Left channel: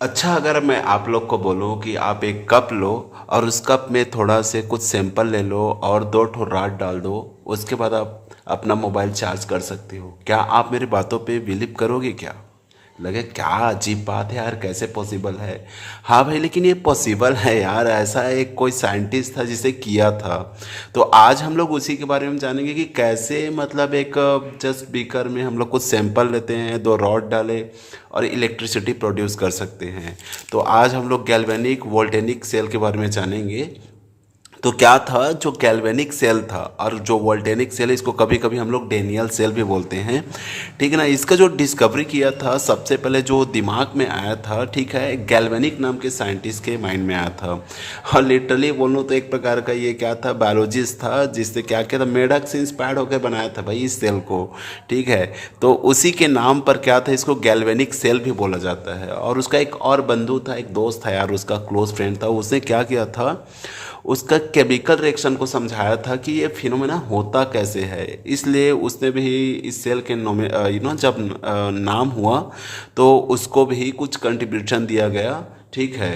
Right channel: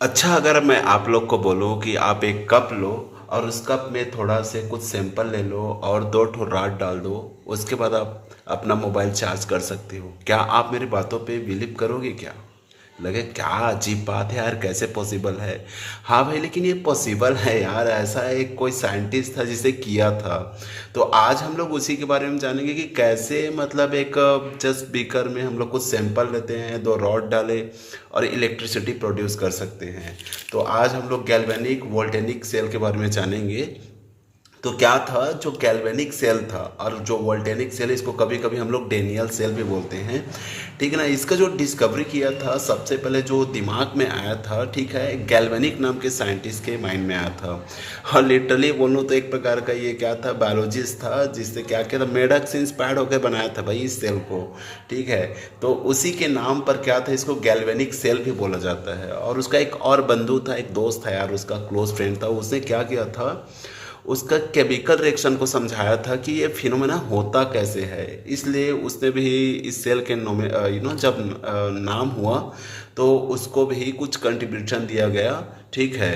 अच्छा, अगर मैं आप लोग को बोलूँ कि आप एक कप लो और उस कप में थोड़ा से कुछ सैंपल ले लो और दो ठो राड डाल दो, उसके बाद आप अपना मोबाइल चार्ज कर सकते हो, क्या आप मेरी बातों पे बिलीव करोगे क्या? लगे क्या अजीब बात है यार, कैसे पॉसिबल है? हाँ भाई, लेकिन ये पॉसिबल है यार, ऐसा एक कोई साइंटिस्ट था जिसे किया था। तो आज हम लोग उसी के बारे में जानेंगे कि कैसे, मतलब एक जस्ट बीकर में हम लोग कुछ सैंपल लेते हैं, दो रॉड डाले और इलेक्ट्रिसिटी प्रोड्यूस कर सकते हैं। तो आज हम लोग गैल्वेनिक वोल्टेनिक सेल के बारे में जानेंगे। तो क्या था जो गैल्वेनिक सेल था और जो वोल्टेनिक सेल, इसको कभी कभी हम लोग डेनियल सेल भी बोलते हैं, ठीक है ना। इसका जो डिस्कवरी किया था सबसे पहले, जो दिमाग में आया था, ठीक है, गैल्वेनिक नाम के साइंटिस्ट के माइंड में आया था। और लिटरली बोलूँ तो एक प्रकार का ये क्या था, बायोलॉजिस्ट था, जिससे क्या किया था, मेढक से इंस्पायर्ड होकर बनाया था भाई इस सेल को। ठीक है, तो उसी के नाम पर क्या था, इसको गैल्वेनिक सेल भी बोला जाता है। और उसका एक और बंधु था, एक दोस्त था यार, उसका क्लोज फ्रेंड था, उसने क्या किया था, उसका केमिकल रिएक्शन को समझाया था कि ये फिनोमेना होता कैसे है। इसलिए उसने भी इस सेल के नोमे जब नाम हुआ तो उसको भी कुछ कंट्रीब्यूशन दिया गया, ठीक है,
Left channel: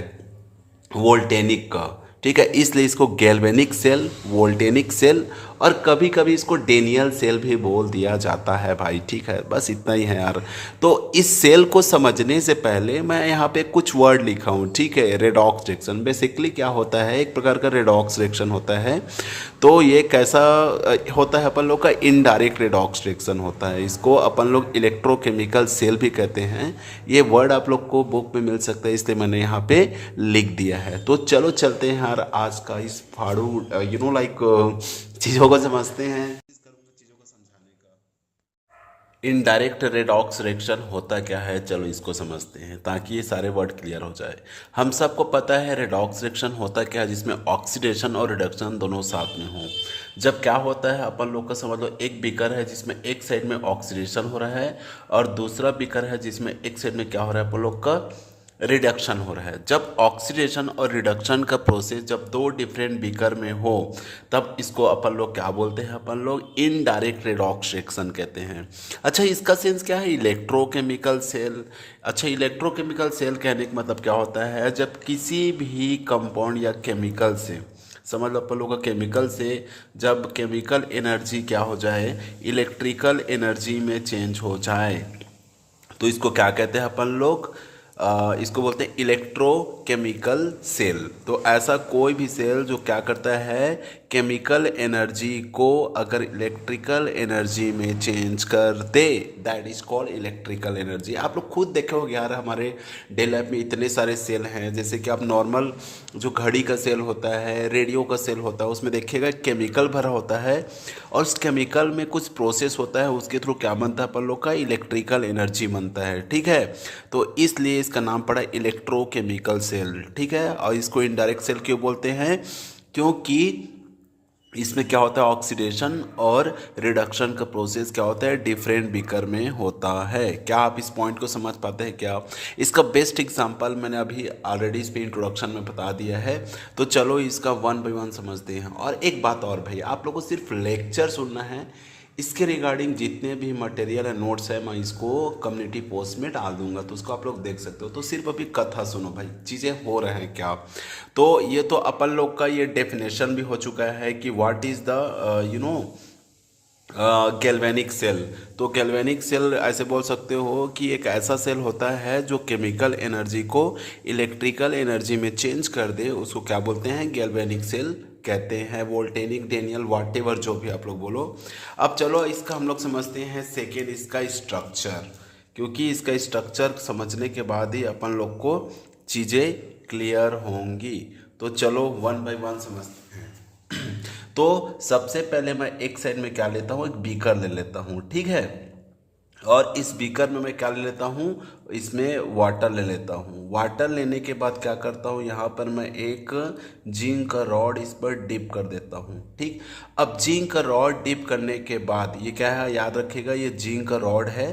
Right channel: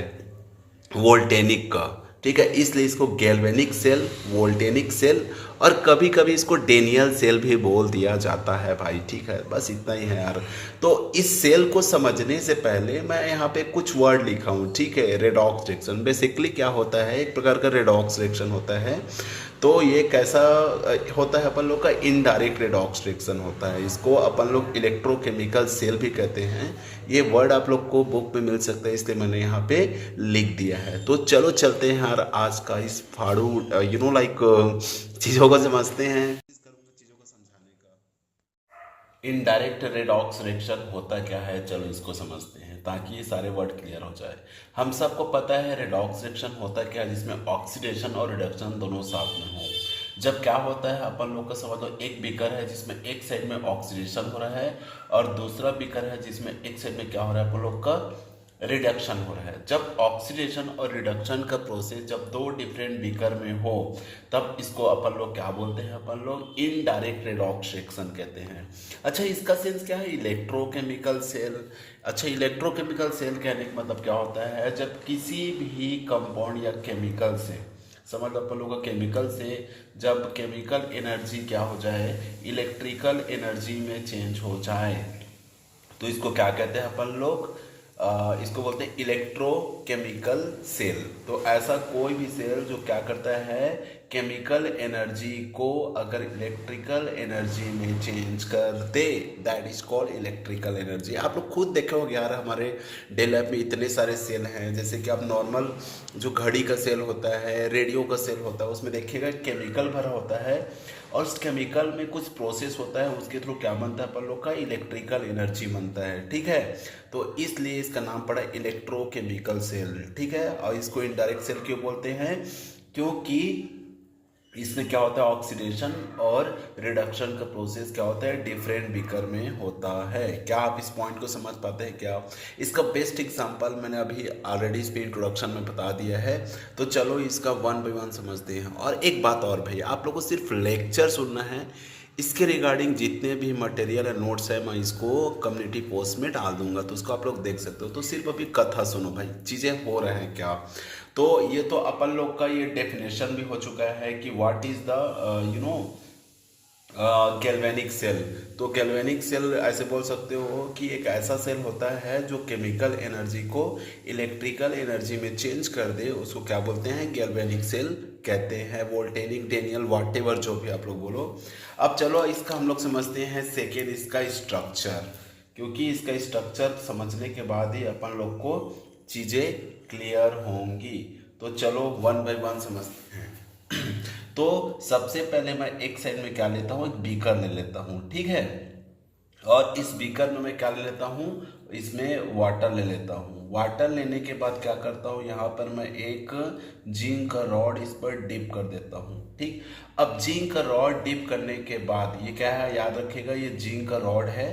वोल्टेनिक का। ठीक है, इसलिए इसको गैल्वेनिक सेल, वोल्टेनिक सेल और कभी कभी इसको डेनियल सेल भी बोल दिया जाता है भाई। ठीक है, बस इतना ही है यार। तो इस सेल को समझने से पहले मैं यहाँ पे कुछ वर्ड लिखा हूँ, ठीक है। रेडॉक्स रिएक्शन बेसिकली क्या होता है, एक प्रकार का रेडॉक्स रिएक्शन होता है। तो ये कैसा होता है, अपन लोग का इनडायरेक्ट रेडॉक्स रिएक्शन होता है। इसको अपन लोग इलेक्ट्रोकेमिकल सेल भी कहते हैं। ये वर्ड आप लोग को बुक में मिल सकता है, इसलिए मैंने यहाँ पे लिख दिया है। तो चलो चलते हैं यार आज का इस फाड़ू चीज़ों को समझते हैं। चीज़ों को समझाने का इनडायरेक्ट रेडॉक्स रिएक्शन होता क्या है, चलो इसको समझते हैं ताकि ये सारे वर्ड क्लियर हो जाए। हम सबको पता है रेडॉक्स रिएक्शन होता क्या है, जिसमें ऑक्सीडेशन और रिडक्शन दोनों साथ में हो। जब क्या होता है, अपन लोग का समझ लो, एक बीकर है जिसमें एक साइड में ऑक्सीडेशन हो रहा है और दूसरा बीकर है जिसमें एक साइड में क्या हो रहा है, अपन लोग का रिडक्शन हो रहा है। जब ऑक्सीडेशन और रिडक्शन का प्रोसेस जब दो डिफरेंट बीकर में हो, तब इसको अपन लोग क्या बोलते हैं, अपन लोग इनडायरेक्ट रेडॉक्स रिएक्शन कहते हैं। अच्छा, इसका सेंस क्या है, इलेक्ट्रोकेमिकल सेल। अच्छा, इलेक्ट्रोकेमिकल सेल कहने का मतलब क्या होता है, जब किसी भी कंपाउंड या केमिकल से, समझ लो अपन लोग का केमिकल से जब केमिकल एनर्जी क्या हो जाए, इलेक्ट्रिकल एनर्जी में चेंज हो जाए, तो इसको क्या कहते हैं अपन लोग, इसको बोलते हैं इलेक्ट्रोकेमिकल सेल। तो ऐसा कोई भी सेल जो क्या करता है, केमिकल एनर्जी को अगर इलेक्ट्रिकल एनर्जी में चेंज कर दे, that is called electrical energy. आप लोग खुद देखे होगे यार, हमारे डे लाइफ में इतने सारे सेल हैं। जैसे कि आप नॉर्मल जो घड़ी का सेल होता है, रेडियो का सेल होता है, उसमें देखिएगा केमिकल भरा होता है और उस केमिकल में कुछ प्रोसेस होता है, उसके थ्रू क्या बनता है, अपन लोग का इलेक्ट्रिकल एनर्जी बनता है। ठीक है, तो इसलिए इसका नाम पड़ा इलेक्ट्रोकेमिकल सेल। ठीक है, और इसको इनडायरेक्ट सेल क्यों बोलते हैं, क्योंकि इसमें क्या होता है, ऑक्सीडेशन और रिडक्शन का प्रोसेस क्या होता है, डिफरेंट बीकर में होता है। क्या आप इस पॉइंट को समझ पाते हैं क्या? इसका बेस्ट एग्जांपल मैंने अभी ऑलरेडी इस पे इंट्रोडक्शन में बता दिया है। तो चलो इसका वन बाय वन समझते हैं। और एक बात और भाई, आप लोगों को सिर्फ लेक्चर सुनना है। इसके रिगार्डिंग जितने भी मटेरियल है, नोट्स है, मैं इसको कम्युनिटी पोस्ट में डाल दूंगा, तो उसको आप लोग देख सकते हो। तो सिर्फ अभी कथा सुनो भाई, चीज़ें हो रहे हैं क्या। तो ये तो अपन लोग का ये डेफिनेशन भी हो चुका है कि what is the galvanic cell. तो गैल्वेनिक सेल ऐसे बोल सकते हो कि एक ऐसा सेल होता है जो केमिकल एनर्जी को इलेक्ट्रिकल एनर्जी में चेंज कर दे, उसको क्या बोलते हैं, गैल्वेनिक सेल कहते हैं। वोल्टेनिक, डेनियल, वाटेवर जो भी आप लोग बोलो। अब चलो इसका हम लोग समझते हैं सेकेंड, इसका स्ट्रक्चर, क्योंकि इसका स्ट्रक्चर समझने के बाद ही अपन लोग को चीज़ें क्लियर होंगी। तो चलो वन बाय वन समझते हैं। तो सबसे पहले मैं एक साइड में क्या लेता हूँ, एक बीकर ले लेता हूँ, ठीक है। और इस बीकर में मैं क्या ले लेता हूँ, इसमें वाटर ले लेता हूँ। वाटर लेने के बाद क्या करता हूँ, यहाँ पर मैं एक जिंक का रॉड इस पर डिप कर देता हूँ, ठीक। अब जिंक का रॉड डिप करने के बाद ये क्या है, याद रखिएगा, ये जिंक का रॉड है,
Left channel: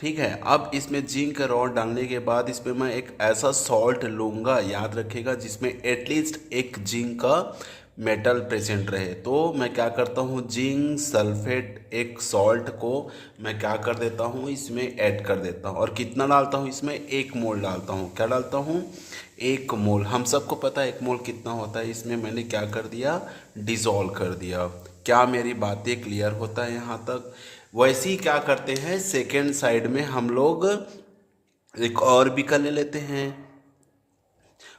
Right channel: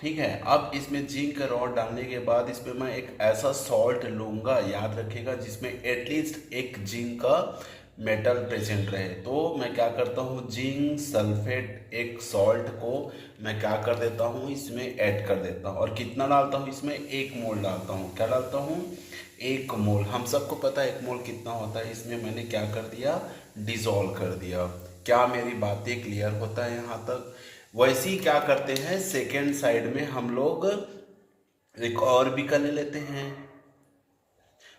ठीक है। अब इसमें जिंक का रॉड डालने के बाद इसमें मैं एक ऐसा सॉल्ट लूँगा, याद रखिएगा, जिसमें एटलीस्ट एक जिंक का मेटल प्रेजेंट रहे। तो मैं क्या करता हूँ, जिंक सल्फेट एक सॉल्ट को मैं क्या कर देता हूँ, इसमें ऐड कर देता हूँ। और कितना डालता हूँ इसमें, 1 मोल डालता हूँ। क्या डालता हूँ, 1 मोल। हम सबको पता है 1 मोल कितना होता है। इसमें मैंने क्या कर दिया, डिजोल्व कर दिया। क्या मेरी बातें क्लियर होता है यहाँ तक। वैसे ही क्या करते हैं, सेकेंड साइड में हम लोग एक और बीकर ले लेते हैं,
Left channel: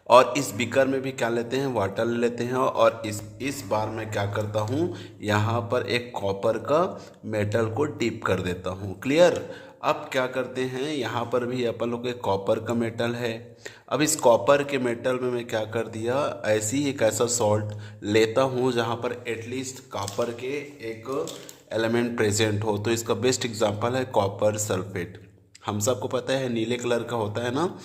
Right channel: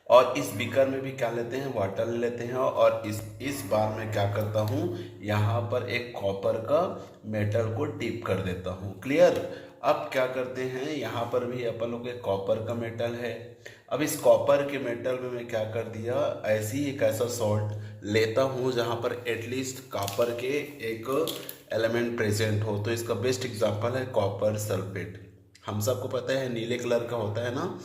और इस बीकर में भी क्या लेते हैं, वाटर ले लेते हैं। और इस बार मैं क्या करता हूँ, यहाँ पर एक कॉपर का मेटल को डिप कर देता हूँ। क्लियर। अब क्या करते हैं, यहाँ पर भी अपन लोग एक कॉपर का मेटल है। अब इस कॉपर के मेटल में मैं क्या कर दिया, ऐसी ही एक ऐसा सॉल्ट लेता हूँ जहाँ पर एटलीस्ट कॉपर के एक एलिमेंट प्रेजेंट हो। तो इसका बेस्ट एग्जांपल है कॉपर सल्फेट। हम सबको पता है नीले कलर का होता है ना,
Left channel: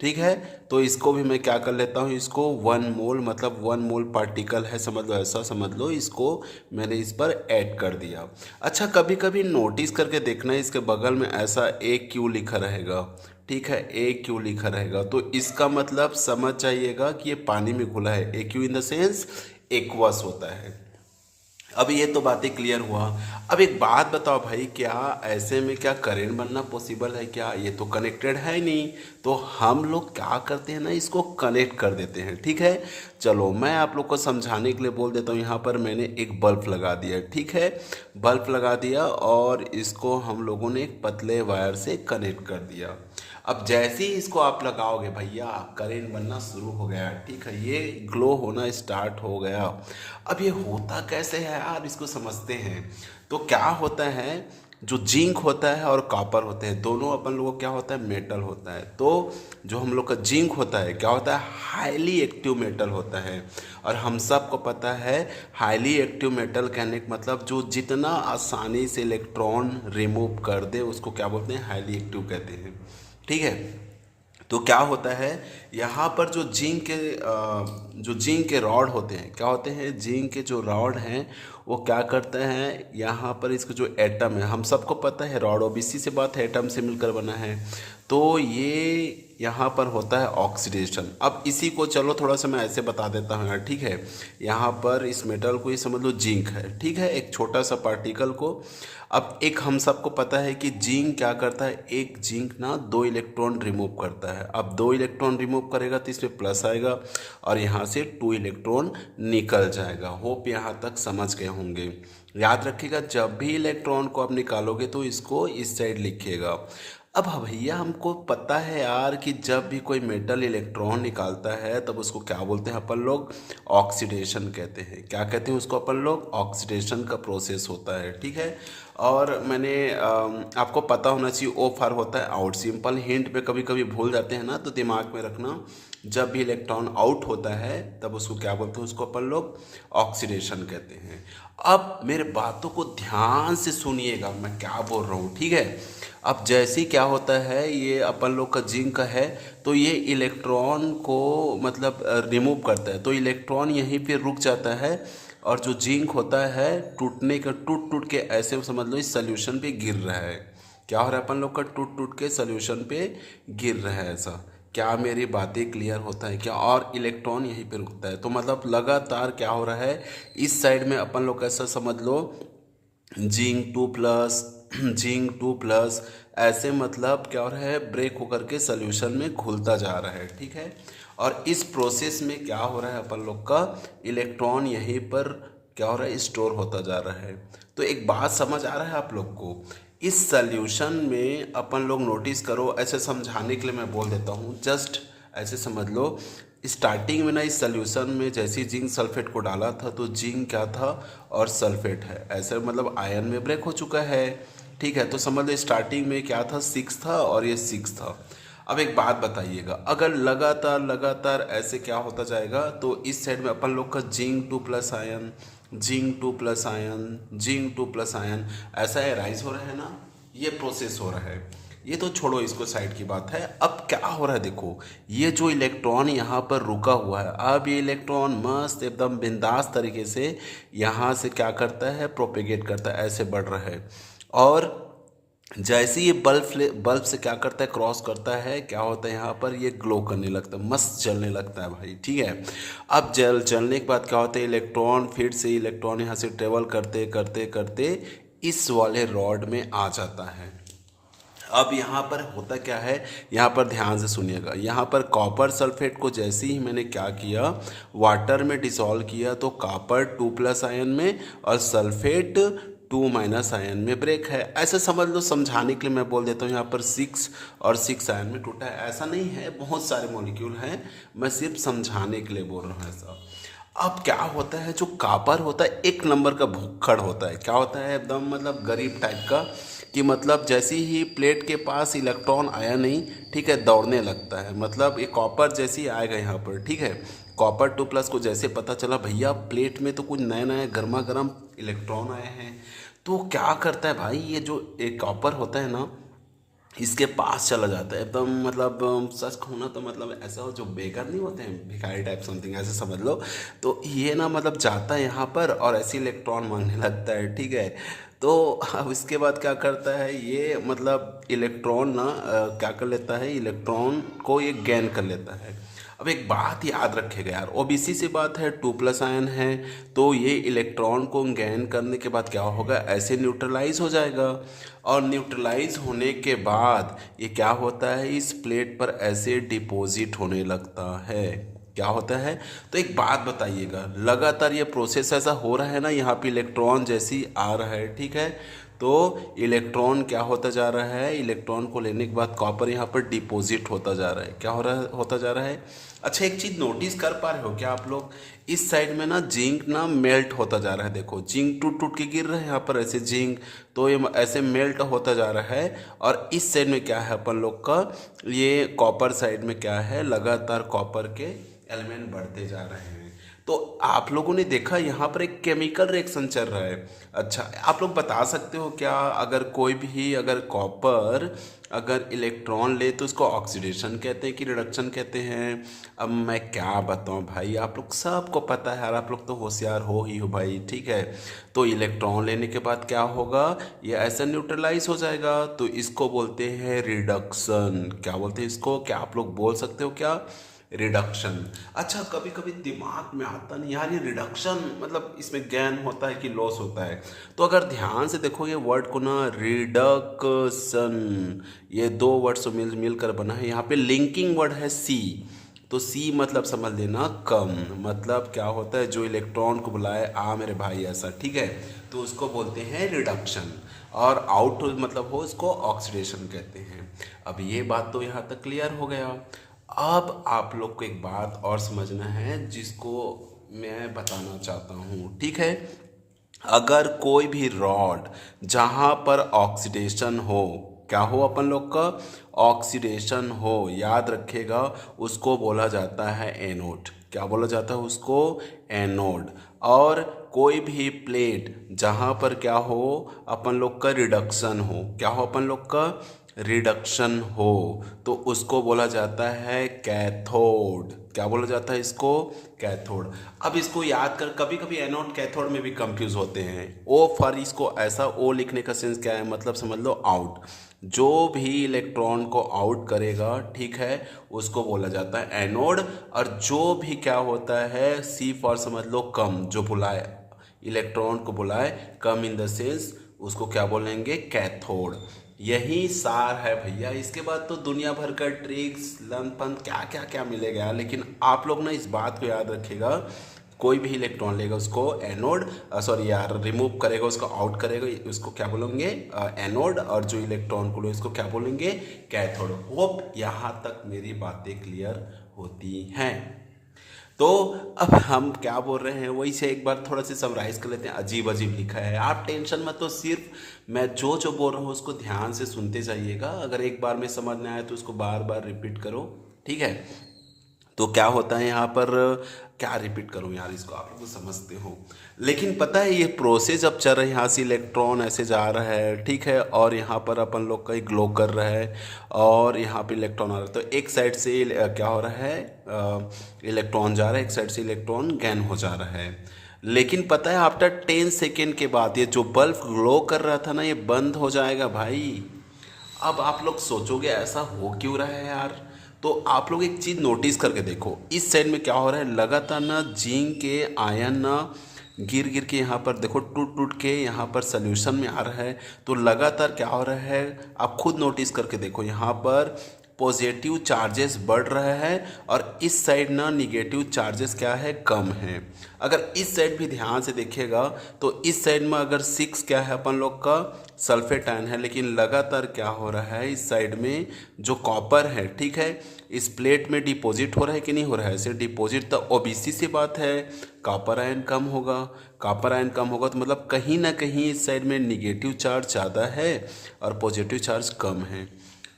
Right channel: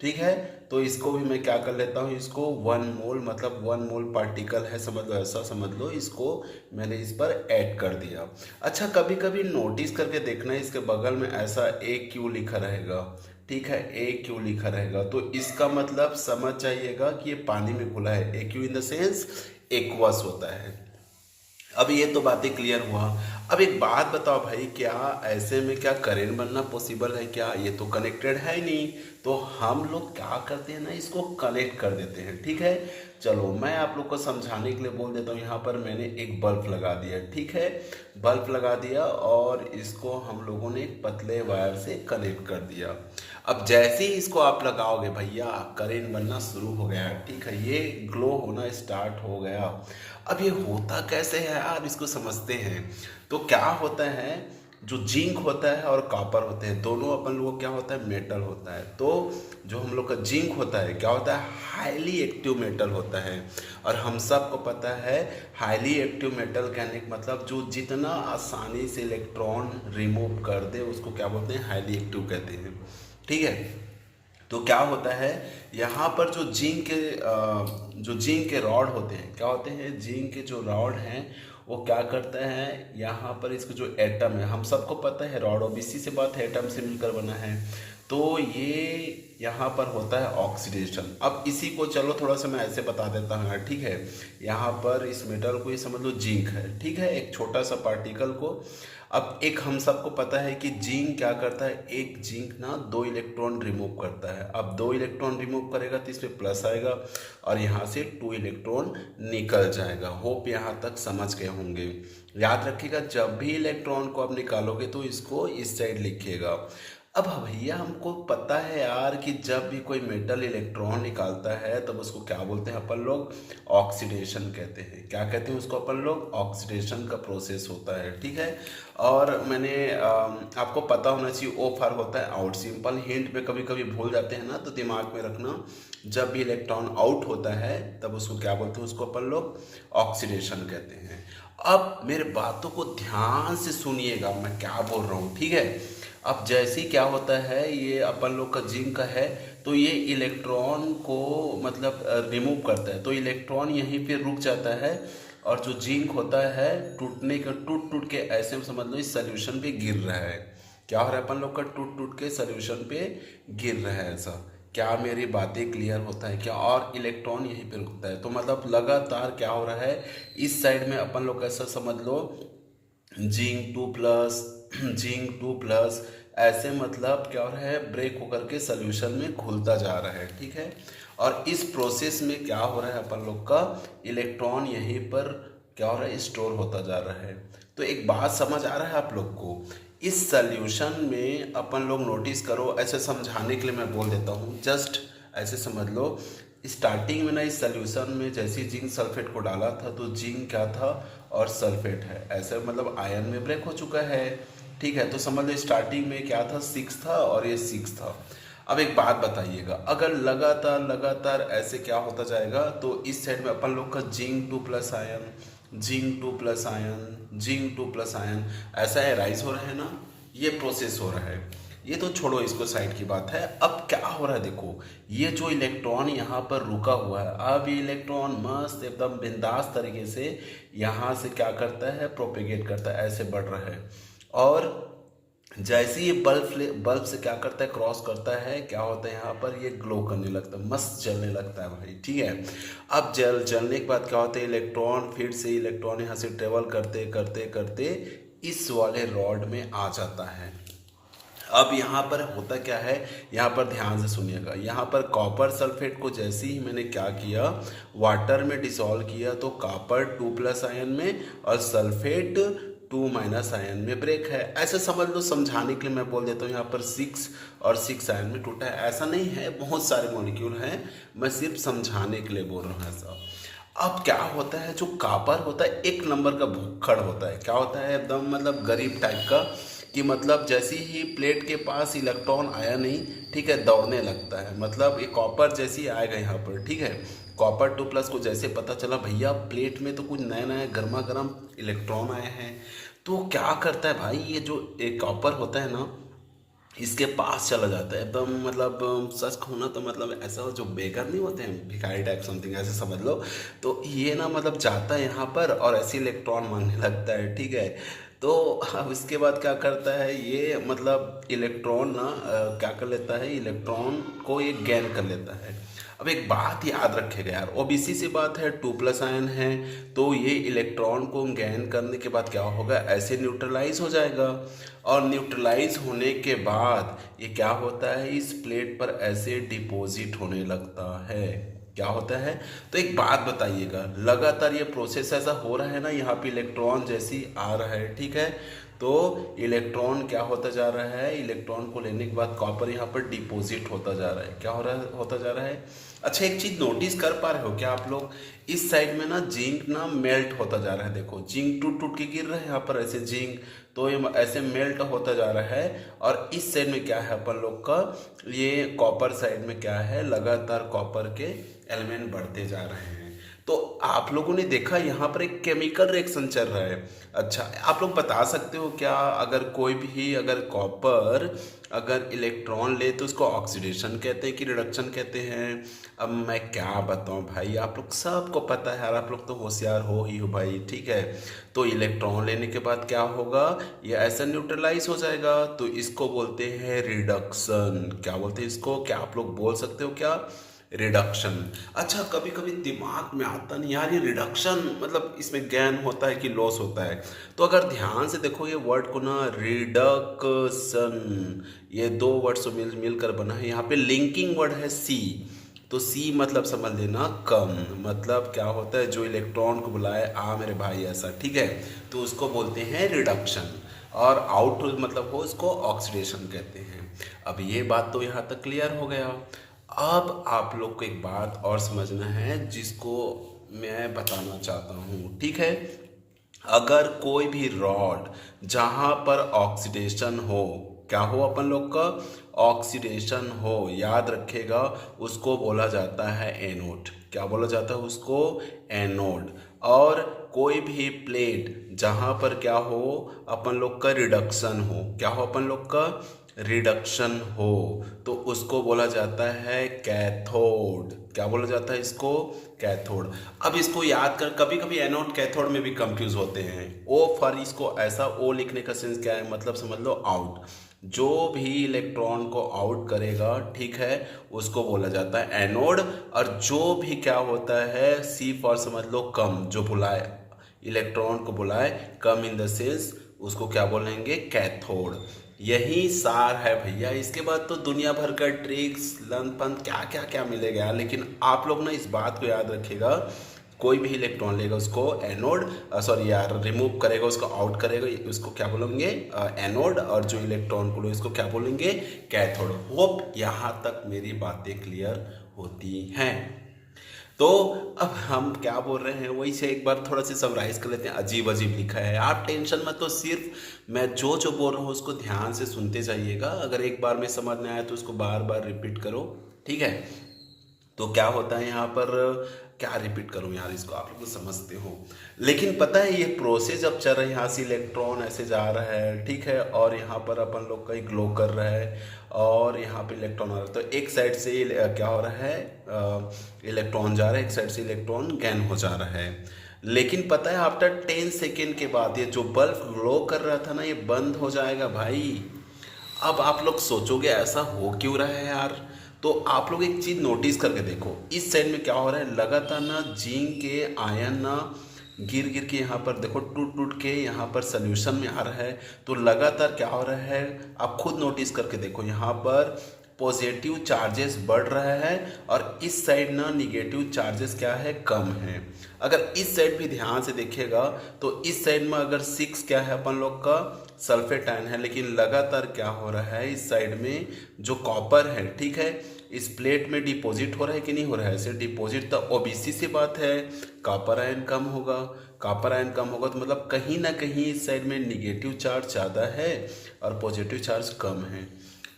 ठीक है। तो इसको भी मैं क्या कर लेता हूँ, इसको 1 मोल, मतलब 1 मोल पार्टिकल है, समझ लो, ऐसा समझ लो। इसको मैंने इस पर ऐड कर दिया। अच्छा, कभी कभी नोटिस करके देखना, इसके बगल में ऐसा AQ लिखा रहेगा, ठीक है, AQ लिखा रहेगा। तो इसका मतलब समझ जाइएगा कि ये पानी में घुला है। AQ in the sense aqueous होता है। अब ये तो बातें क्लियर हुआ। अब एक बात बताओ भाई, क्या ऐसे में क्या करंट बनना पॉसिबल है क्या? ये तो कनेक्टेड है नहीं। तो हम लोग क्या करते हैं ना, इसको कनेक्ट कर देते हैं, ठीक है। चलो मैं आप लोग को समझाने के लिए बोल देता हूँ। यहाँ पर मैंने एक बल्ब लगा दिया, ठीक है, बल्ब लगा दिया, और इसको हम लोगों ने एक पतले वायर से कनेक्ट कर दिया। अब जैसे ही इसको आप लगाओगे भैया, करंट बनना शुरू हो गया, ठीक है, ये ग्लो होना स्टार्ट हो गया। अब ये होता कैसे है यार, इसको समझते हैं। तो क्या होता है, जो जिंक होता है और कॉपर होते हैं, दोनों अपन लोगों को क्या होता है, मेटल होता है। तो जो हम लोग का जिंक होता है क्या होता है, हाईली एक्टिव मेटल होता है। और हम सबको पता है हाईली एक्टिव मेटल कहने का मतलब जो जितना आसानी से इलेक्ट्रॉन रिमूव कर दे उसको क्या बोलते हैं, हाईली एक्टिव कहते हैं, ठीक है। तो क्या होता है, यहाँ पर जो जिंक के रॉड होते हैं, क्या होते हैं, जिंक के जो रॉड हैं वो क्या करते हैं, यहाँ पर इसका जो एटम है, हम सबको पता है रॉड ओबीसी से बात है, एटम से मिलकर बना है। तो ये यहाँ पर होता है ऑक्सीडेशन। अब इसी को चलो थोड़ा सा मैं ऐसे बता देता हूँ यार, ठीक है। यहाँ पर इस मेटल को ये समझ लो जिंक है, ठीक है, एक छोटा सा पार्टिकल को। अब एक हम सबको पता है कि जिंक क्या करता है, एक जिंक ना 2 इलेक्ट्रॉन रिमूव करता है। अब 2 इलेक्ट्रॉन रिमूव करेगा तो इसमें प्लस आएगा, और यहाँ से 2 इलेक्ट्रॉन निकल जाएगा। होप यहाँ तक समझ गए होंगे। याद रखिएगा, जब भी इलेक्ट्रॉन को आप निकालोगे तो इसको इस साइड लिखिएगा। अब भैया हमको पता है यार कि जब भी कोई मेटल इलेक्ट्रॉन निकालता है तब उसको क्या बोलते हैं अपन लोग, ऑक्सीडेशन कहते हैं। क्या कहते हैं उसको अपन लोग, ऑक्सीडेशन का प्रोसेस होता है, ठीक है। और मैंने आपको पता होना चाहिए, ओ फॉर होता है आउट। सिंपल हिंट पे कभी कभी भूल जाते हैं ना, तो दिमाग में रखना, जब भी इलेक्ट्रॉन आउट होता है तब उसको क्या बोलते हैं, उसको अपन लोग ऑक्सीडेशन कहते हैं। अब मेरे बातों को ध्यान से सुनिएगा, मैं क्या बोल रहा हूँ, ठीक है। अब जैसे ही क्या होता है, ये अपन लोग का जिंक का है, तो ये इलेक्ट्रॉन को मतलब रिमूव करता है, तो इलेक्ट्रॉन यहीं पे रुक जाता है। और जो जिंक होता है टूटने का, टूट टूट के ऐसे समझ लो इस सोल्यूशन पे गिर रहा है। क्या हो रहा है, अपन लोग का टूट टूट के सोल्यूशन पे गिर रहा है ऐसा। क्या मेरी बातें क्लियर होता है क्या? और इलेक्ट्रॉन यहीं पे रुकता है, तो मतलब लगातार क्या हो रहा है, इस साइड में अपन लोग ऐसा समझ लो जिंक 2 प्लस जिंक 2 प्लस, ऐसे मतलब क्या हो रहा है, ब्रेक होकर के सोल्यूशन में घुलता जा रहा है, ठीक है। और इस प्रोसेस में क्या हो रहा है, अपन लोग का इलेक्ट्रॉन यहीं पर क्या हो रहा है, स्टोर होता जा रहा है। तो एक बात समझ आ रहा है आप लोग को, इस सोल्यूशन में अपन लोग नोटिस करो, ऐसे समझाने के लिए मैं बोल देता हूँ, जस्ट ऐसे समझ लो। स्टार्टिंग में ना इस सोल्यूशन में जैसे ही जिंक सल्फेट को डाला था तो जिंक क्या था और सल्फेट है, ऐसे मतलब आयन में ब्रेक हो चुका है, ठीक है। तो समझ लो स्टार्टिंग में क्या था, 6 था और ये 6 था। अब एक बात बताइएगा, अगर लगातार लगातार ऐसे क्या होता जाएगा, तो इस साइड में अपन लोग का zinc 2 plus ion, zinc 2 plus ion ऐसा है, राइज हो रहा है ना, ये प्रोसेस हो रहा है। ये तो छोड़ो, इसको साइड की बात है। अब क्या हो रहा है देखो, ये जो इलेक्ट्रॉन यहाँ पर रुका हुआ है, अब ये इलेक्ट्रॉन मस्त एकदम बिंदास तरीके से यहाँ से क्या करता है, प्रोपेगेट करता है, ऐसे बढ़ रहा है। और जैसे ये बल्ब से क्या करता है, क्रॉस करता है, क्या होता है यहाँ पर, ये ग्लो करने लगता है, मस्त जलने लगता है भाई। ठीक है, अब जलने के बाद क्या होता है, इलेक्ट्रॉन, फिर से इलेक्ट्रॉन यहाँ से ट्रेवल करते करते करते इस वाले रॉड में आ जाता है। अब यहाँ पर होता क्या है, यहाँ पर ध्यान से सुनिएगा, यहाँ पर कॉपर सल्फेट को जैसे ही मैंने क्या किया, वाटर में डिसॉल्व किया, तो कॉपर 2+ आयन में और सल्फेट 2- आयन में ब्रेक है। ऐसे समझ लो, समझाने के लिए मैं बोल देता हूँ, यहाँ पर 6 और 6 आयन में टूटा है, ऐसा नहीं है, बहुत सारे मॉलिक्यूल हैं, मैं सिर्फ समझाने के लिए बोल रहा हूँ ऐसा। अब क्या होता है, जो कॉपर होता है एक नंबर का भुक्खड़ होता है, क्या होता है, एकदम मतलब गरीब टाइप का, कि मतलब जैसे ही प्लेट के पास इलेक्ट्रॉन आया नहीं, ठीक है, दौड़ने लगता है। मतलब ये कॉपर जैसे ही आएगा यहाँ पर, ठीक है, कॉपर 2+ को जैसे पता चला भैया प्लेट में तो कुछ नए नए गर्मा गर्म इलेक्ट्रॉन आए हैं, तो क्या करता है भाई, ये जो एक कॉपर होता है ना, इसके पास चला जाता है एकदम, मतलब सच कहूँ ना तो मतलब ऐसा हो, जो बेगर नहीं होते हैं, भिखारी टाइप समथिंग ऐसे समझ लो, तो ये ना मतलब जाता है यहाँ पर और ऐसे इलेक्ट्रॉन मांगने लगता है। ठीक है, तो अब इसके बाद क्या करता है ये, मतलब इलेक्ट्रॉन ना क्या कर लेता है, इलेक्ट्रॉन को ये गेन कर लेता है। अब एक बात याद रखिएगा यार, ओबीसी सी बात है, 2+ आयन है, तो ये इलेक्ट्रॉन को गेन करने के बाद क्या होगा, ऐसे न्यूट्रलाइज हो जाएगा, और न्यूट्रलाइज होने के बाद ये क्या होता है, इस प्लेट पर ऐसे डिपॉजिट होने लगता है। क्या होता है, तो एक बात बताइएगा, लगातार ये प्रोसेस ऐसा हो रहा है ना, यहाँ पे इलेक्ट्रॉन जैसी आ रहा है, ठीक है, तो इलेक्ट्रॉन क्या होता जा रहा है, इलेक्ट्रॉन को लेने के बाद कॉपर यहाँ पर डिपॉजिट होता जा रहा है, क्या हो रहा है, होता जा रहा है। अच्छा, एक चीज नोटिस कर पा रहे हो क्या आप लोग, इस साइड में ना जिंक ना मेल्ट होता जा रहा है, देखो जिंक टूट टूट के गिर रहा है यहाँ पर ऐसे जिंक, तो ये ऐसे मेल्ट होता जा रहा है। और इस साइड में क्या है अपन लोग का, ये कॉपर साइड में क्या है, लगातार कॉपर के एलिमेंट बढ़ते जा रहे हैं। तो आप लोगों ने देखा यहाँ पर एक केमिकल रिएक्शन चल रहा है। अच्छा, आप लोग बता सकते हो क्या, अगर कोई भी अगर कॉपर अगर इलेक्ट्रॉन ले तो उसको ऑक्सीडेशन कहते हैं कि रिडक्शन कहते हैं। अब मैं क्या बताऊं भाई, आप लोग सबको पता है यार, आप लोग तो होशियार हो ही हो भाई। ठीक है, तो इलेक्ट्रॉन लेने के बाद क्या होगा, ये ऐसा न्यूट्रलाइज हो जाएगा, तो इसको बोलते हैं रिडक्शन। क्या बोलते हैं इसको, क्या आप लोग बोल सकते हो क्या, रिडक्शन। अच्छा, कभी कभी दिमाग में आता नहीं यार, ये रिडक्शन मतलब इसमें गेन होता है कि लॉस होता है, तो अगर ध्यान से देखो ये वर्ड को ना, रिडक्शन, ये दो वर्ड से मिलकर बना है, यहाँ पे लिंकिंग वर्ड है सी, तो सी मतलब समझ लेना कम, मतलब क्या होता है, जो इलेक्ट्रॉन को बुलाए आ मेरे भाई ऐसा, ठीक है, तो उसको बोलते हैं रिडक्शन। और आउट मतलब हो उसको ऑक्सीडेशन कहते हैं। अब ये बात तो यहाँ तक क्लियर हो गया। अब आप लोग को एक बात और समझना है जिसको मैं बताना चाहता हूँ, ठीक है, अगर कोई भी रॉड जहाँ पर ऑक्सीडेशन हो, क्या हो अपन लोग का, ऑक्सीडेशन हो, याद रखेगा, उसको बोला जाता है एनोड। क्या बोला जाता है उसको, एनोड। और कोई भी प्लेट जहाँ पर क्या हो, अपन लोग का रिडक्शन हो, क्या हो अपन लोग का, रिडक्शन हो, तो उसको बोला जाता है कैथोड। क्या बोला जाता है इसको, कैथोड। अब इसको याद कर, कभी कभी एनोड कैथोड में भी कंफ्यूज होते हैं। ओ फॉर, इसको ऐसा ओ लिखने का सेंस क्या है, मतलब समझ लो आउट, जो भी इलेक्ट्रॉन को आउट करेगा, ठीक है, उसको बोला जाता है एनोड। और जो भी क्या होता है, सी फॉर समझ लो कम, जो बुलाए इलेक्ट्रॉन को बुलाए कम इन द सेंस, उसको क्या बोलेंगे, कैथोड। यही सार है भैया, इसके बाद तो दुनिया भर का ट्रिक्स लन पन क्या क्या क्या मिलेगा, लेकिन आप लोग ना इस बात को याद रखिएगा, कोई भी इलेक्ट्रॉन लेगा उसको एनोड, सॉरी यार, रिमूव करेगा उसको, आउट करेगा उसको क्या बोलेंगे, एनोड, और जो इलेक्ट्रॉन को इसको क्या बोलेंगे, कैथोड। होप यहाँ तक मेरी बातें क्लियर होती हैं। तो अब हम क्या बोल रहे हैं वही से एक बार थोड़ा सा समराइज कर लेते हैं। अजीब अजीब लिखा है, आप टेंशन मत, तो सिर्फ मैं जो जो बोल रहा हूँ उसको ध्यान से सुनते जाइएगा, अगर एक बार में समझ में आए तो उसको बार बार रिपीट करो, ठीक है। तो क्या होता है यहाँ पर, क्या रिपीट करूँ यार, इसको आप लोग तो समझते हो, लेकिन पता है ये प्रोसेस अब चल रहा है, यहाँ से इलेक्ट्रॉन ऐसे जा रहा है, ठीक है, और यहाँ पर अपन लोग का ग्लो कर रहा है, और यहाँ पे इलेक्ट्रॉन आ रहा है, तो एक साइड से क्या हो रहा है, इलेक्ट्रॉन जा रहा है, एक साइड से इलेक्ट्रॉन गेन हो जा रहा है। लेकिन पता है आफ्टर 10 सेकेंड के बाद ये जो बल्ब ग्लो कर रहा था ना, ये बंद हो जाएगा भाई। अब आप लोग सोचोगे ऐसा हो क्यों रहा है यार। तो आप लोग एक चीज़ नोटिस करके देखो, इस साइड में क्या हो रहा है, लगातार ना जिंक के आयन ना गिर गिर के यहाँ पर देखो टूट टूट के यहाँ पर सोल्यूशन में आ रहा है। तो लगातार क्या हो रहा है, आप खुद नोटिस करके देखो, यहाँ पर पॉजिटिव चार्जेस बढ़ रहा है और इस साइड ना निगेटिव चार्जेस क्या है, कम है। अगर इस साइड भी ध्यान से देखिएगा तो इस साइड में अगर 6 क्या है अपन लोग का सल्फेट आयन है, लेकिन लगातार क्या हो रहा है, इस साइड में जो कॉपर है, ठीक है, इस प्लेट में डिपॉजिट हो रहा है कि नहीं हो रहा है, ऐसे डिपॉजिट तो ओबीसी सी बात है, कॉपर आयन कम होगा। कॉपर आयन कम होगा तो मतलब कहीं ना कहीं इस साइड में निगेटिव चार्ज ज़्यादा है और पॉजिटिव चार्ज कम है।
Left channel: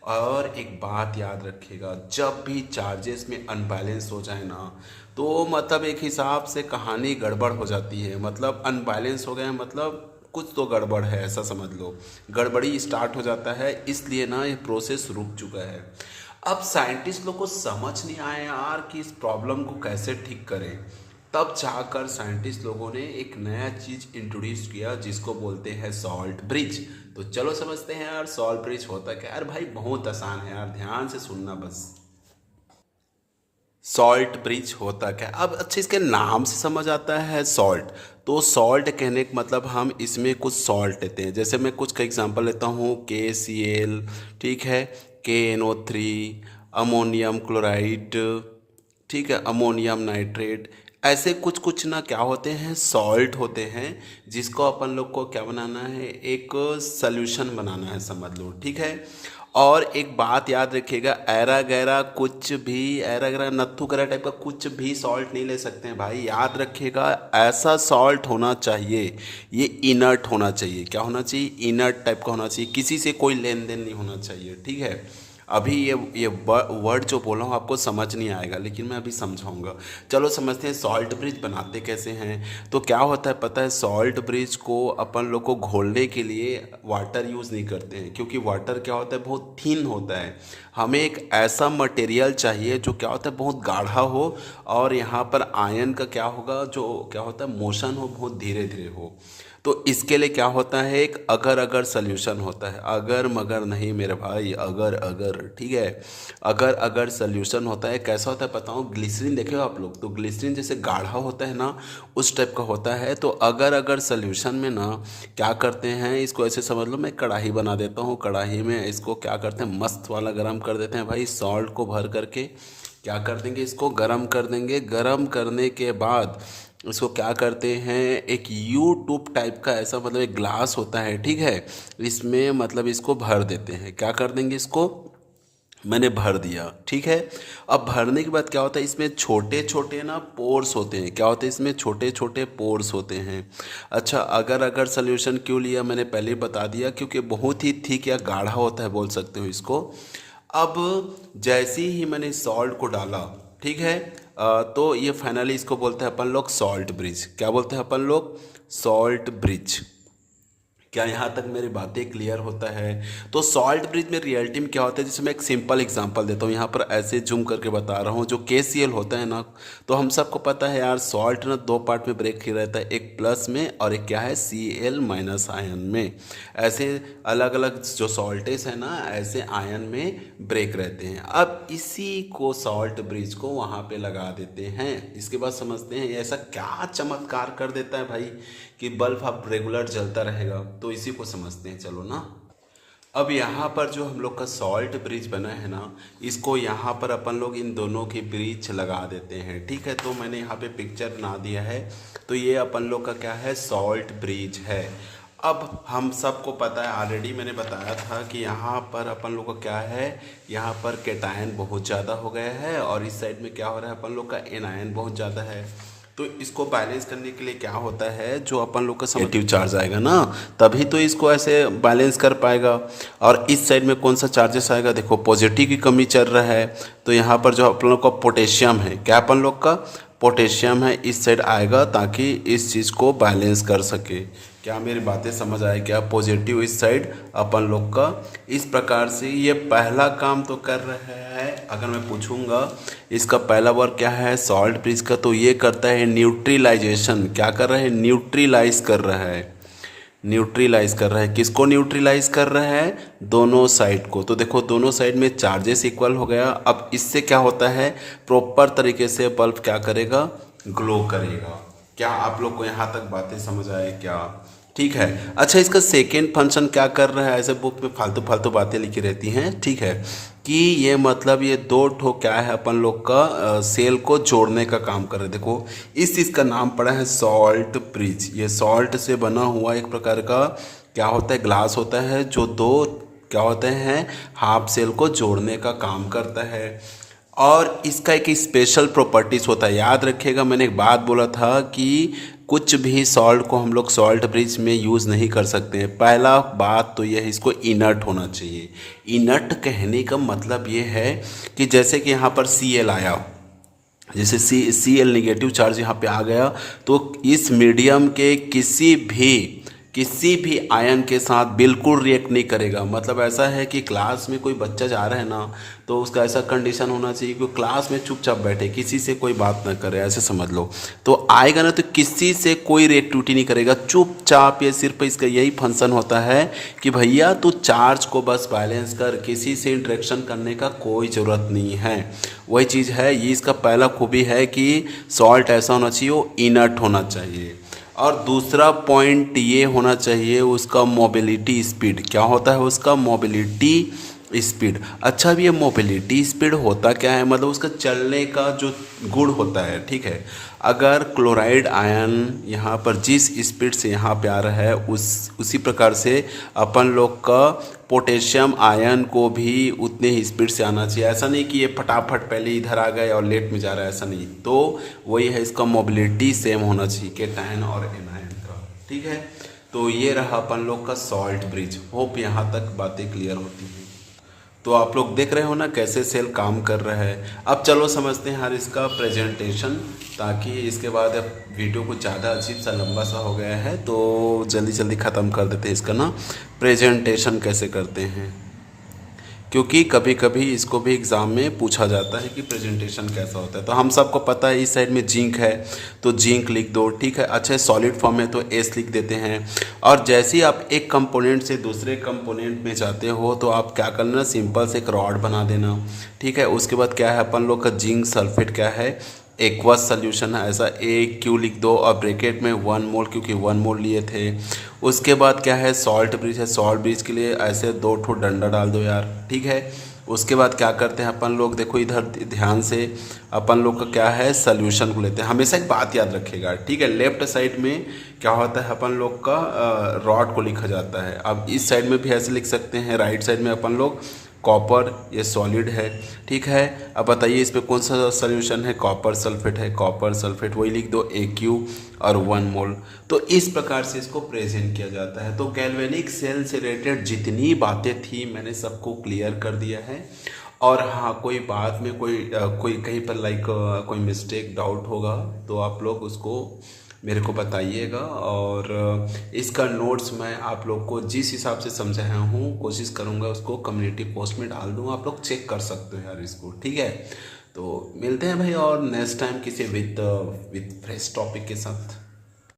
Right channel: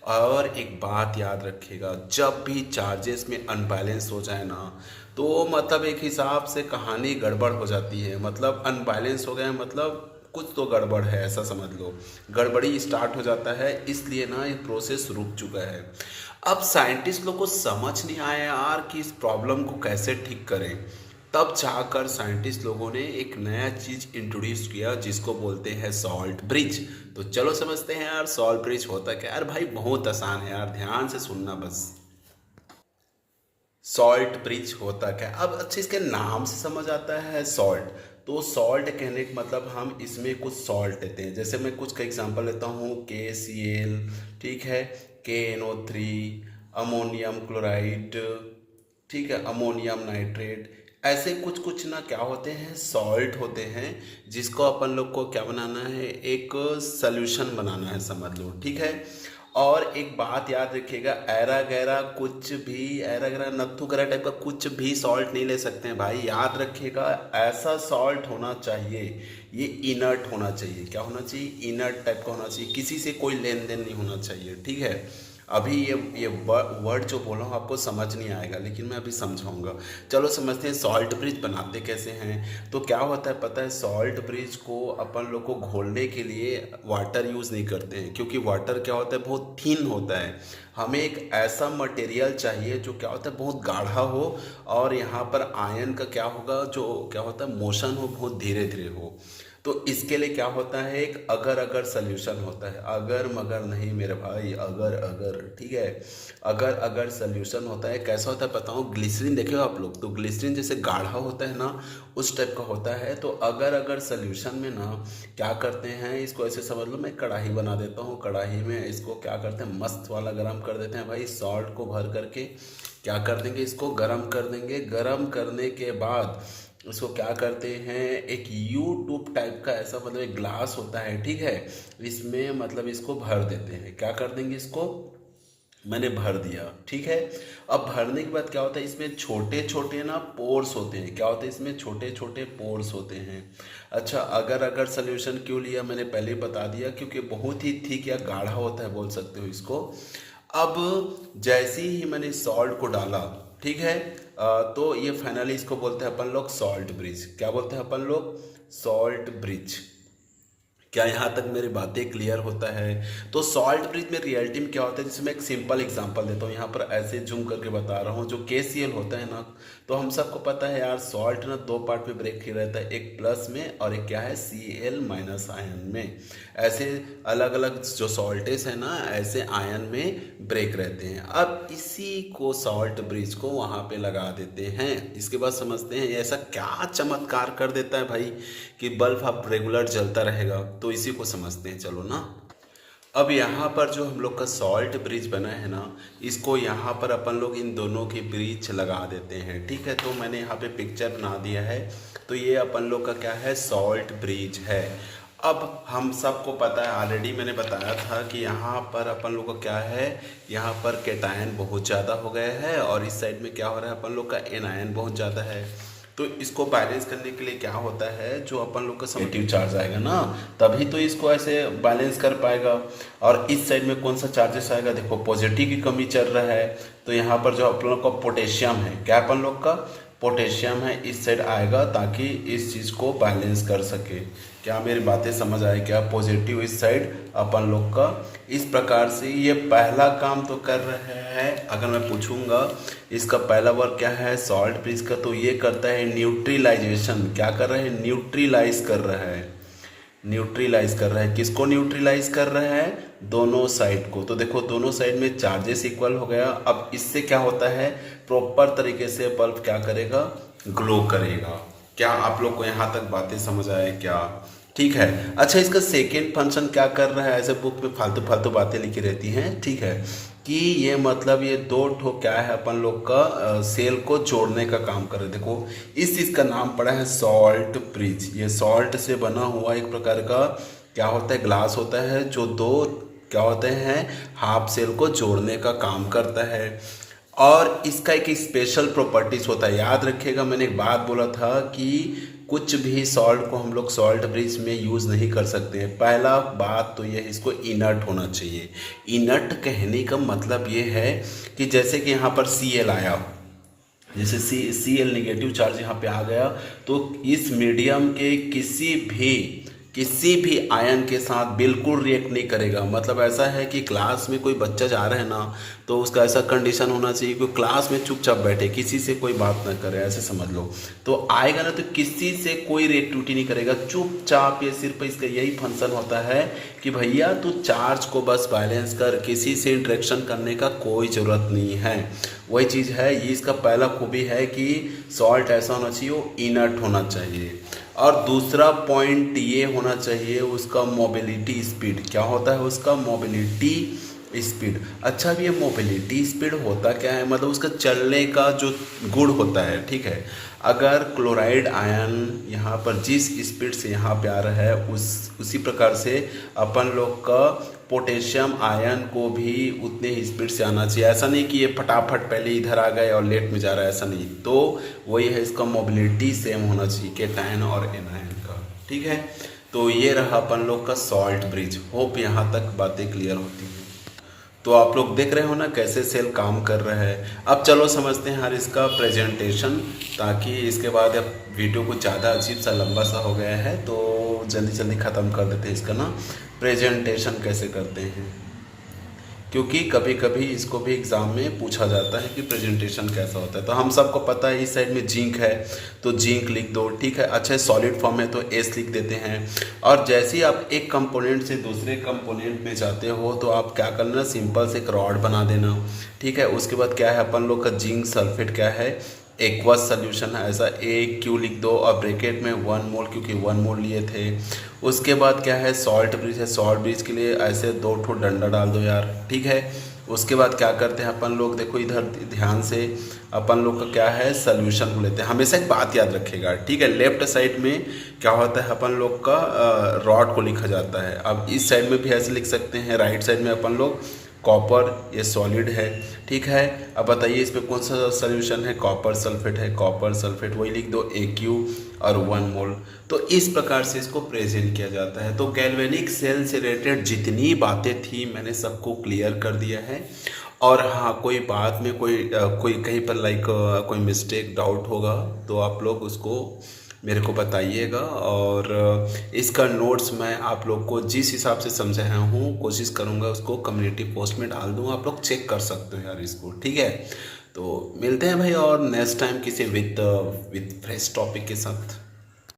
और एक बात याद रखिएगा, जब भी चार्जेस में अनबैलेंस हो जाए ना, तो मतलब एक हिसाब से कहानी गड़बड़ हो जाती है। मतलब अनबैलेंस हो गया मतलब कुछ तो गड़बड़ है, ऐसा समझ लो, गड़बड़ी स्टार्ट हो जाता है। इसलिए ना ये प्रोसेस रुक चुका है। अब साइंटिस्ट लोग को समझ नहीं आया यार कि इस प्रॉब्लम को कैसे ठीक करें। तब जाकर साइंटिस्ट लोगों ने एक नया चीज इंट्रोड्यूस किया जिसको बोलते हैं सॉल्ट ब्रिज। तो चलो समझते हैं यार सॉल्ट ब्रिज होता क्या है। यार भाई बहुत आसान है यार, ध्यान से सुनना बस। सॉल्ट ब्रिज होता क्या है, अब अच्छा इसके नाम से समझ आता है सॉल्ट। तो सॉल्ट कहने का मतलब हम इसमें कुछ सॉल्ट लेते हैं। जैसे मैं कुछ का एग्जांपल लेता हूँ, KCl, ठीक है, KNO3, अमोनियम क्लोराइड, ठीक है, अमोनियम नाइट्रेट, ऐसे कुछ कुछ ना क्या होते हैं, सॉल्ट होते हैं, जिसको अपन लोग को क्या बनाना है, एक सॉल्यूशन बनाना है, समझ लो, ठीक है। और एक बात याद रखिएगा, ऐरा गैरा कुछ भी, ऐरा गैरा नत्थु गैरा टाइप का कुछ भी सॉल्ट नहीं ले सकते हैं भाई, याद रखिएगा। ऐसा सॉल्ट होना चाहिए, ये इनर्ट होना चाहिए। क्या होना चाहिए, इनर्ट टाइप का होना चाहिए, किसी से कोई लेन देन नहीं होना चाहिए, ठीक है। अभी ये वर्ड जो बोला हूँ आपको समझ नहीं आएगा, लेकिन मैं अभी समझाऊंगा। चलो समझते हैं सॉल्ट ब्रिज बनाते कैसे हैं। तो क्या होता है पता है, सॉल्ट ब्रिज को अपन लोग को घोलने के लिए वाटर यूज़ नहीं करते हैं, क्योंकि वाटर क्या होता है, बहुत थिन होता है। हमें एक ऐसा मटेरियल चाहिए जो क्या होता है, बहुत गाढ़ा हो, और यहाँ पर आयन का क्या होगा, जो क्या होता है, मोशन हो, बहुत धीरे धीरे हो। तो इसके लिए क्या होता है, एक अगर अगर सोल्यूशन होता है, अगर मगर नहीं मेरे भाई, अगर अगर, ठीक है, अगर अगर सोल्यूशन होता है। कैसा होता है बताओ, ग्लिसरीन देखे हो आप लोग, तो ग्लिसरीन जैसे गाढ़ा होता है ना, उस टाइप का होता है। तो अगर अगर सोल्यूशन में ना क्या करते हैं, इसको ऐसे समझ लो, मैं कढ़ाई बना देता हूँ, कढ़ाई में इसको क्या करते हैं, मस्त वाला गर्म कर देते हैं भाई, सॉल्ट को भर करके क्या कर देंगे, इसको गर्म कर देंगे। गर्म करने के बाद इसको क्या करते हैं, एक यू ट्यूब टाइप का ऐसा मतलब एक ग्लास होता है, ठीक है, इसमें मतलब इसको भर देते हैं। क्या कर देंगे, इसको मैंने भर दिया, ठीक है। अब भरने के बाद क्या होता है, इसमें छोटे छोटे ना पोर्स होते हैं। क्या होते हैं, इसमें छोटे छोटे पोर्स होते हैं। अच्छा, अगर अगर सोल्यूशन क्यों लिया, मैंने पहले ही बता दिया, क्योंकि बहुत ही थिक या गाढ़ा होता है, बोल सकते हो इसको। अब जैसे ही मैंने सॉल्ट को डाला, ठीक है, तो ये फाइनली इसको बोलते हैं अपन लोग सॉल्ट ब्रिज। क्या बोलते हैं अपन लोग, सॉल्ट ब्रिज। क्या यहाँ तक मेरी बातें क्लियर होता है। तो सॉल्ट ब्रिज में रियलिटी में क्या होता है, जैसे मैं एक सिंपल एग्जांपल देता हूँ, यहाँ पर ऐसे जूम करके बता रहा हूँ। जो KCl होता है ना, तो हम सबको पता है यार, सॉल्ट ना दो पार्ट में ब्रेक किया रहता है, एक प्लस में और एक क्या है, Cl माइनस आयन में। ऐसे अलग अलग जो सॉल्टेज है ना, ऐसे आयन में ब्रेक रहते हैं। अब इसी को सॉल्ट ब्रिज को वहाँ पे लगा देते हैं। इसके बाद समझते हैं ऐसा क्या चमत्कार कर देता है भाई कि बल्ब अब रेगुलर जलता रहेगा। तो इसी को समझते हैं, चलो ना। अब यहाँ पर जो हम लोग का सॉल्ट ब्रिज बना है ना, इसको यहाँ पर अपन लोग इन दोनों की ब्रिज लगा देते हैं, ठीक है। तो मैंने यहाँ पे पिक्चर बना दिया है। तो ये अपन लोग का क्या है, सॉल्ट ब्रिज है। अब हम सबको पता है, ऑलरेडी मैंने बताया था कि यहाँ पर अपन लोग का क्या है, यहाँ पर केटायन बहुत ज़्यादा हो गया है, और इस साइड में क्या हो रहा है, अपन लोग का एनायन बहुत ज़्यादा है। तो इसको बैलेंस करने के लिए क्या होता है, जो अपन लोग का नेगेटिव चार्ज आएगा ना, तभी तो इसको ऐसे बैलेंस कर पाएगा। और इस साइड में कौन सा चार्जेस आएगा, देखो पॉजिटिव की कमी चल रहा है, तो यहाँ पर जो अपन लोग का पोटेशियम है, क्या अपन लोग का पोटेशियम है, इस साइड आएगा, ताकि इस चीज़ को बैलेंस कर सके। क्या मेरी बातें समझ आए, क्या पॉजिटिव इस साइड अपन लोग का। इस प्रकार से ये पहला काम तो कर रहा है। अगर मैं पूछूंगा इसका पहला वर्क क्या है सॉल्ट ब्रिज का, तो ये करता है न्यूट्रलाइजेशन। क्या कर रहा है, न्यूट्रलाइज कर रहा है, न्यूट्रलाइज कर रहा है। किसको न्यूट्रलाइज कर रहा है? दोनों साइड को। तो देखो दोनों साइड में चार्जेस इक्वल हो गया। अब इससे क्या होता है, प्रॉपर तरीके से बल्ब क्या करेगा, ग्लो करेगा। क्या आप लोग को यहाँ तक बातें समझ आए क्या? ठीक है। अच्छा, इसका सेकेंड फंक्शन क्या कर रहा है? ऐसे बुक में फालतू फालतू बातें लिखी रहती हैं, ठीक है, कि ये मतलब ये दो ठो क्या है अपन लोग का सेल को जोड़ने का काम कर रहे हैं। देखो इस चीज़ का नाम पड़ा है सॉल्ट ब्रिज। ये सॉल्ट से बना हुआ एक प्रकार का क्या होता है, ग्लास होता है, जो दो क्या होते हैं, हाफ सेल को जोड़ने का काम करता है। और इसका एक स्पेशल प्रॉपर्टीज होता है। याद रखिएगा, मैंने एक बात बोला था कि कुछ भी सॉल्ट को हम लोग सॉल्ट ब्रिज में यूज़ नहीं कर सकते हैं। पहला बात तो यह है, इसको इनर्ट होना चाहिए। इनर्ट कहने का मतलब ये है कि जैसे कि यहाँ पर Cl आया, जैसे Cl निगेटिव चार्ज यहाँ पे आ गया, तो इस मीडियम के किसी भी आयन के साथ बिल्कुल रिएक्ट नहीं करेगा। मतलब ऐसा है कि क्लास में कोई बच्चा जा रहा है ना, तो उसका ऐसा कंडीशन होना चाहिए कि क्लास में चुपचाप बैठे, किसी से कोई बात ना करे, ऐसे समझ लो। तो आएगा ना तो किसी से कोई रिएक्टिविटी नहीं करेगा, चुपचाप। ये सिर्फ इसका यही फंक्शन होता है कि भैया तू चार्ज को बस बैलेंस कर, किसी से इंटरेक्शन करने का कोई ज़रूरत नहीं है। वही चीज़ है, ये इसका पहला खूबी है कि सॉल्ट ऐसा होना चाहिए, वो इनर्ट होना चाहिए। और दूसरा पॉइंट ये होना चाहिए उसका मोबिलिटी स्पीड। क्या होता है उसका? Mobility speed. अच्छा, अब ये मोबिलिटी स्पीड होता क्या है? मतलब उसका चलने का जो गुण होता है, ठीक है। अगर क्लोराइड आयन यहाँ पर जिस स्पीड से यहाँ पे आ रहा है, उसी प्रकार से अपन लोग का पोटेशियम आयन को भी उतने ही स्पीड से आना चाहिए। ऐसा नहीं कि ये फटाफट पहले इधर आ गए और लेट में जा रहा है, ऐसा नहीं। तो वही है, इसका मोबिलिटी सेम होना चाहिए केटायन और एनायन का, ठीक है। तो ये रहा अपन लोग का सॉल्ट ब्रिज। होप यहाँ तक बातें क्लियर होती हैं। तो आप लोग देख रहे हो ना कैसे सेल काम कर रहा है। अब चलो समझते हैं यार इसका प्रेजेंटेशन, ताकि इसके बाद अब वीडियो कुछ ज़्यादा अजीब सा लंबा सा हो गया है, तो जल्दी जल्दी ख़त्म कर देते हैं इसका ना प्रेजेंटेशन कैसे करते हैं। क्योंकि कभी कभी इसको भी एग्ज़ाम में पूछा जाता है कि प्रेजेंटेशन कैसा होता है। तो हम सबको पता है इस साइड में जिंक है, तो जिंक लिख दो, ठीक है। अच्छा, सॉलिड फॉर्म है तो एस लिख देते हैं। और जैसे ही आप एक कंपोनेंट से दूसरे कंपोनेंट में जाते हो, तो आप क्या करना, सिंपल से एक रॉड बना देना, ठीक है। उसके बाद क्या है, अपन लोग का जिंक सल्फेट क्या है, एक्वस सोल्यूशन है, ऐसा AQ लिख दो और ब्रैकेट में 1 मोल, क्योंकि 1 मोल लिए थे। उसके बाद क्या है, सॉल्ट ब्रिज है, सॉल्ट ब्रिज के लिए ऐसे 2 ठो डंडा डाल दो यार, ठीक है। उसके बाद क्या करते हैं अपन लोग, देखो इधर ध्यान से, अपन लोग का क्या है, सोल्यूशन को लेते हैं। हमेशा एक बात याद रखेगा, ठीक है। लेफ्ट साइड में क्या होता है, अपन लोग का रॉड को लिखा जाता है। अब इस साइड में भी ऐसे लिख सकते हैं, राइट साइड में अपन लोग कॉपर, ये सॉलिड है, ठीक है। अब बताइए इस पे कौन सा सोल्यूशन है, कॉपर सल्फेट है, कॉपर सल्फेट, वही लिख दो AQ और 1 मोल। तो इस प्रकार से इसको प्रेजेंट किया जाता है। तो गैल्वेनिक सेल से रिलेटेड जितनी बातें थी मैंने सबको क्लियर कर दिया है। और हाँ, कोई बात में कोई कहीं पर कोई मिस्टेक डाउट होगा तो आप लोग उसको मेरे को बताइएगा। और इसका नोट्स मैं आप लोग को जिस हिसाब से समझाया हूँ कोशिश करूँगा उसको कम्युनिटी पोस्ट में डाल दूँ, आप लोग चेक कर सकते हो यार इसको, ठीक है। तो मिलते हैं भाई और नेक्स्ट टाइम किसी विद फ्रेश टॉपिक के साथ।